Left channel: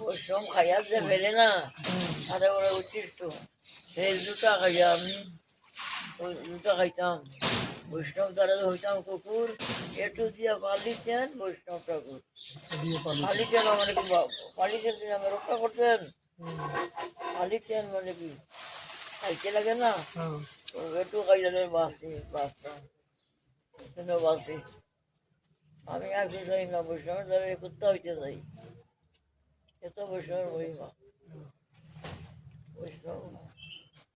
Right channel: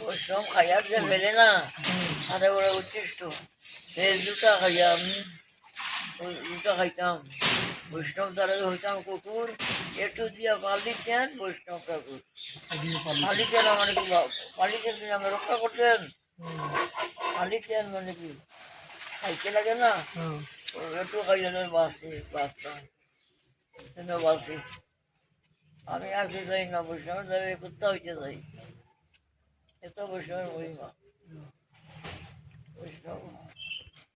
বৈষ্ণব খাইয়া যে ফেলে না আরে ওরা উচ্ছিষ্ট সেই দুটা খাইয়া আমি ওই দুটা খাইতাম বৈষ্ণব দ্বারা হইতাম কুকুর একটু দিয়া পালিতেন বৈষ্ণব ঠাকুর পালিতেন মানে কি পালিতেন তিনি আমি রক্ষা করতেন পালিতেন মানে কি খাইতে লাগে না একটু খাইয়া বাঁচি বাঁচতাম বাঁচি আমি আর কি চাই না বৈষ্ণবের দ্বারা কুত্তা হইতে চাই এত বৈষ্ণবের মহিমা